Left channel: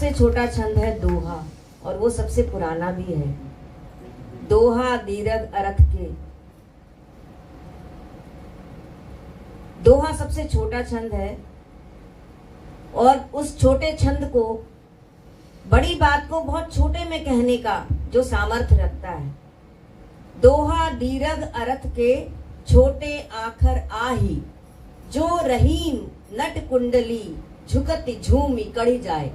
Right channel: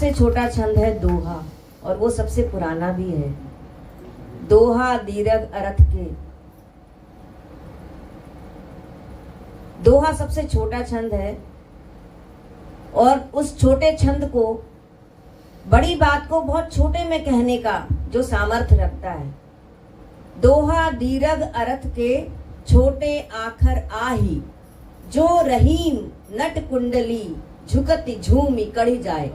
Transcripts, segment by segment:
सबसे छोटा छंद है दोहा, और वो सबसे पुराना भी है। दोहा दीर्घ अर्थ के। दोहा सबसे छोटा छंद है, और उस छोटे छंद को, बड़ी बात को बहुत छोटे में कहने का जो सामर्थ्य रखता है। दोहा दीर्घ अर्थ के, छोटे आखर आही, जो रहीम नट कुंडली झुकत झूमी कड़ी जाए।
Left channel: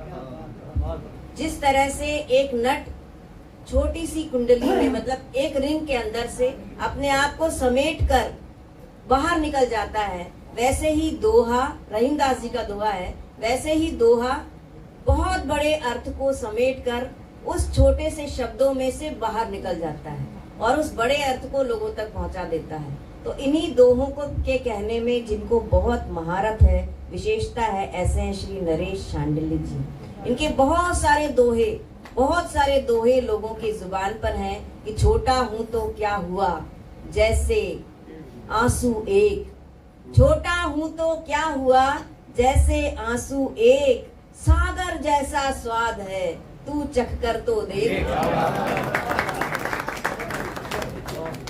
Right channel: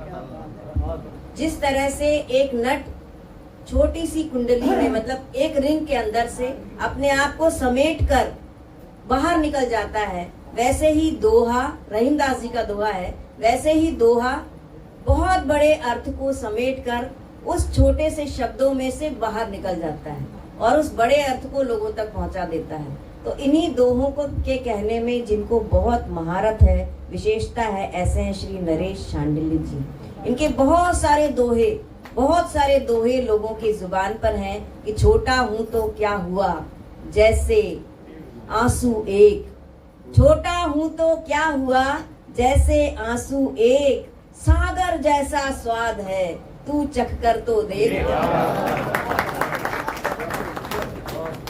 जिस तरह से एक नट छोटी सी कुंडली में, मतलब एक रिंग के अंदर से अपने आप को समेट कर बाहर निकल जाता है, वैसे ही दोहा, रहीमदास जी का दोहा है, वैसे ही दोहा बहुत बड़े अर्थ को समेट कर उस छोटे से शब्दों में से बाहर निकल जाता है और उस बड़े अर्थ को लोगों तक पहुंचा देता है। तो इन्हीं दोहों को के कहने में जिनको बहुत महारत है, विशेषता है, ऐसे हैं श्री नरेश शांडिल्य जी। इनके बहुत सारे दोहे लोगों की जुबान पर हैं कि छोटा हूं तो क्या हुआ जैसे आंसू एक, छोटा हूं तो क्या हुआ जैसे आंसू एक, सागर जैसा स्वाद है तू चख कर तो देख।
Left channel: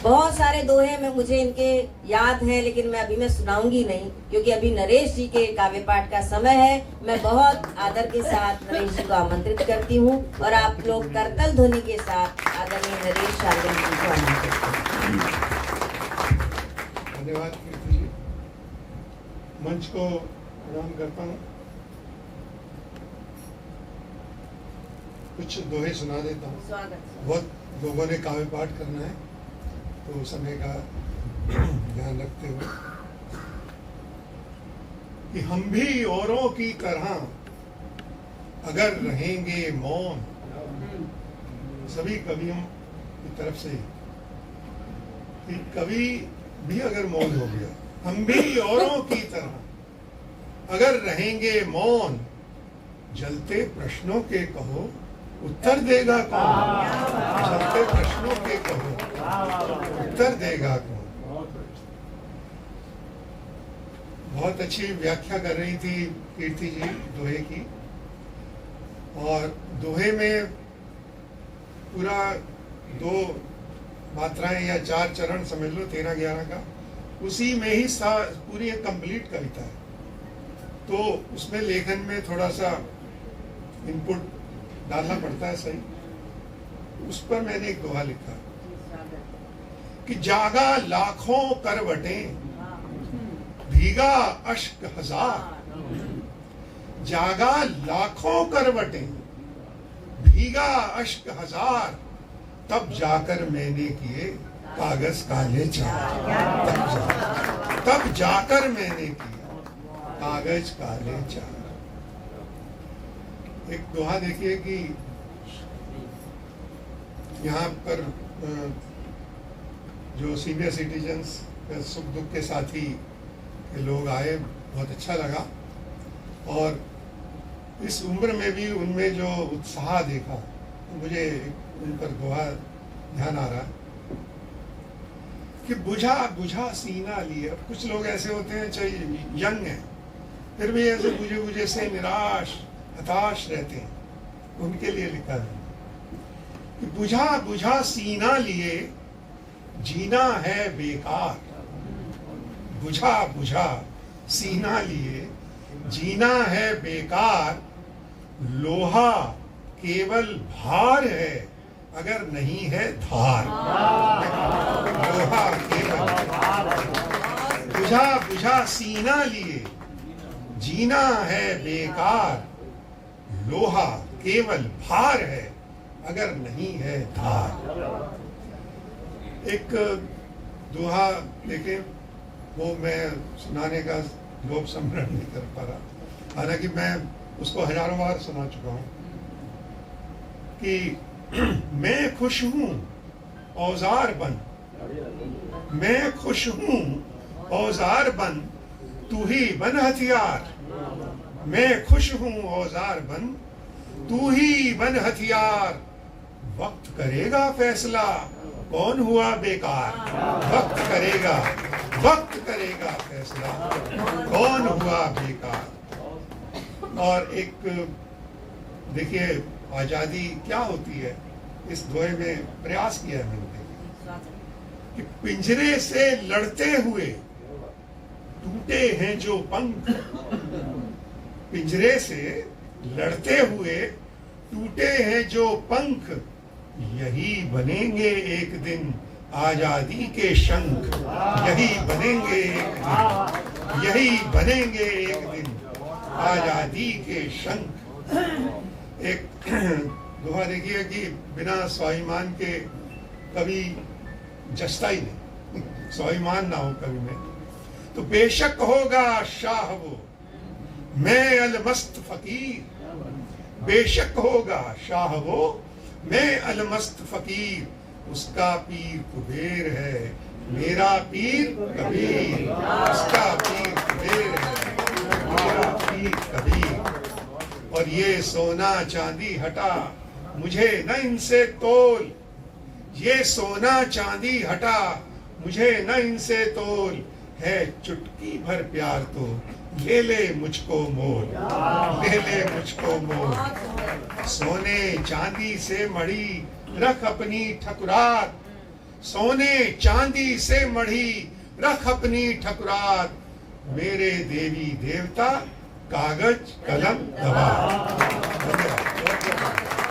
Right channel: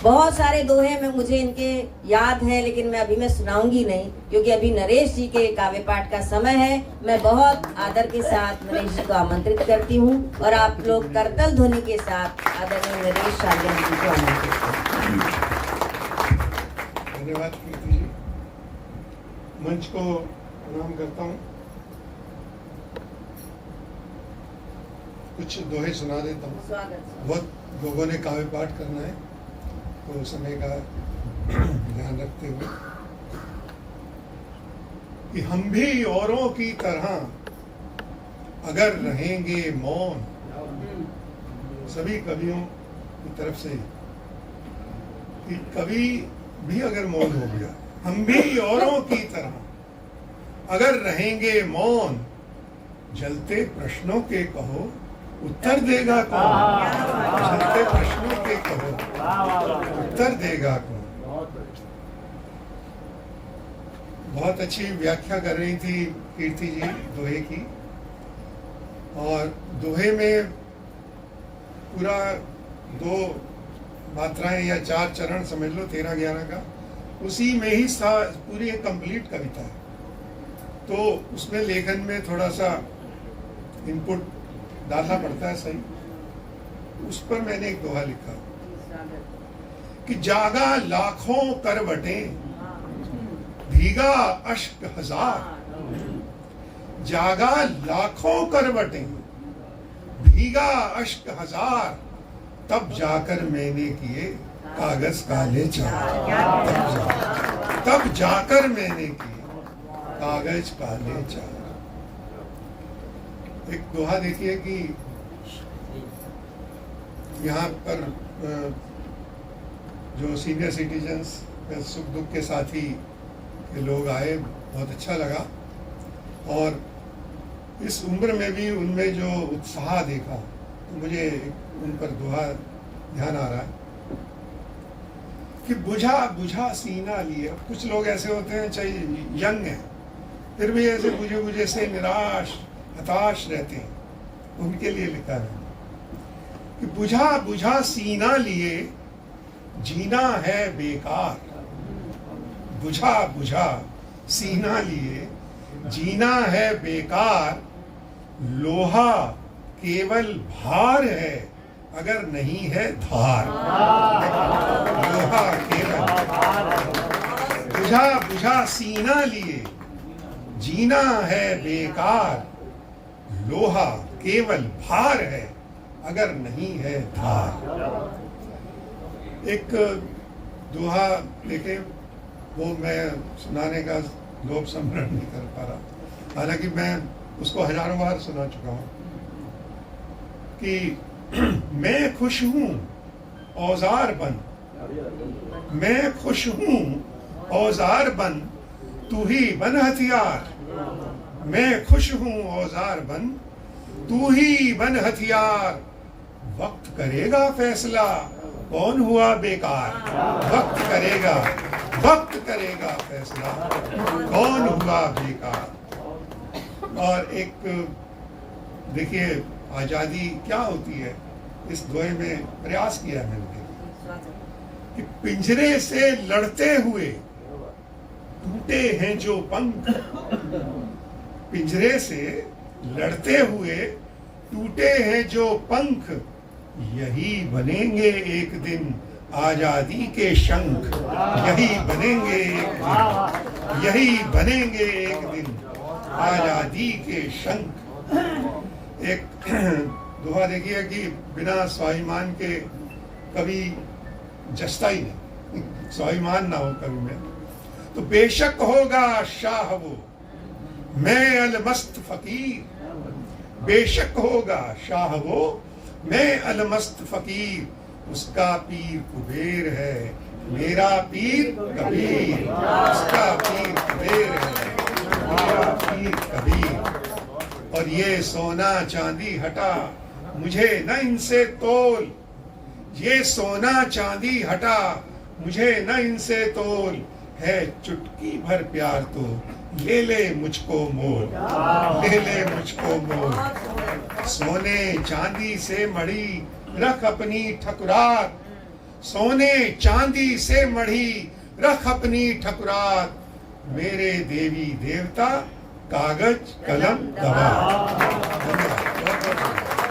बहुत सारे दोहे में मुझे इनके याद है, लेकिन मैं सुनाऊंगी नहीं, क्योंकि अभी नरेश जी के काव्य पाठ का समय है। मैं बहुत आदर के साथ नरेश जी को आमंत्रित करती हूँ, और आप लोग करतल ध्वनि के साथ आदरणीय नरेश शांडिल्य जी को आमंत्रित करते हैं। धन्यवाद कीर्ति जी, मंच को प्रणाम करता हूँ। कुछ दोहे सुना देता हूँ। बहुत लोगों ने काव्य पाठ करना है, तो समय का ध्यान रखते हुए कि हम भी औरों की तरह अगर रहेंगे मौन, सभी कवियों की तरफ से कि कभी भी अगर मौन हो गया, हम भी औरों की तरह अगर रहेंगे मौन, जलते प्रश्नों के कहो उत्तर देगा कौन, जलते प्रश्नों के कहो उत्तर देगा कौन। बहुत अच्छी व्याख्या कर रही थी कीर्ति जी दोहे की, और दोहे में पूरा 2 मात्राएं या 4 चरण समझ लो 13-11 का, उसी में ही पूरी एक कंप्लीट कविता है। तो उसमें लेखन में थोड़ा सा इनपुट डालना पड़ता है, सही। उस पर मैंने एक दोहा लिखा कि जागा लाखों करवटें भीगा अश्क हजार, जागा लाखों करवटें भीगा अश्क हजार, तब जाकर मैंने किए कागज काले चार, तब जाकर मैंने किए कागज काले चार। एक दोहा देखिए कि यहाँ पर जो सीनियर सिटीजन्स, सुख दुख के साथी के लोग आए, बहुत अच्छा लगा, और इस उम्र में भी उनमें जो उत्साह देखा, तो मुझे उन पर दोहा ध्यान आ रहा कि बुझा बुझा सीना लिए। अब कुछ लोग ऐसे होते हैं, चाहे यंग हैं, फिर भी ऐसे बुझे बुझे से निराश हताश रहते हैं, उनके लिए लिखा है कि बुझा बुझा सीना लिए जीना है बेकार, बुझा बुझा सीना लिए जीना है बेकार, लोहा केवल भार है अगर नहीं है धार, लोहा केवल, बुझा बुझा सीना लिए जीना है बेकार, लोहा केवल भार है अगर नहीं है धार। एक दोहा लेके वो मैं सुनाने का लोभ संवरण नहीं कर पा रहा, हालांकि मैं उसको हजारों बार सुना चुका हूं कि मैं खुश हूं औजार बन, मैं खुश हूं औजार बन, तू ही बन हथियार, मैं खुश हूं औजार बन, तू ही बन हथियार, वक्त करेगा फैसला कौन हुआ बेकार, वक्त करेगा फैसला कौन हुआ बेकार। और एक देखिए आजादी क्या होती है, इस दोहे में प्रयास किया मैंने कि पिंजरे से लड़ते हुए टूटे हैं जो पंख, पिंजरे से लड़ते हुए टूटे हैं जो पंख, यही बनेंगे एक दिन आजादी के शंख, यही बनेंगे एक दिन, यही बनेंगे एक दिन आजादी के शंख। एक दोहा देखिए कि बिना स्वाभिमान के कभी जसता ही नहीं, स्वाभिमान ना हो कभी में तो बेशक होगा शाह वो, मैं अलमस्त फकीर, बेशक होगा शाह वो, मैं अलमस्त फकीर, उसका पीर कुबेर है, मेरा पीर कबीर, उसका पीर कुबेर है, मेरा पीर कबीर। और ये सोना चांदी हटा मुझे न इनसे तोल, ये सोना चांदी हटा मुझे न इनसे तोल, है चुटकी भर प्यार तो ले ले मुझको मोल, ले ले मुझको मोल। सोने चांदी से मढ़ी रख अपनी ठकुरात, सोने चांदी से मढ़ी रख अपनी ठकुरात, मेरे देवी देवता कागज कलम दवा। धन्यवाद।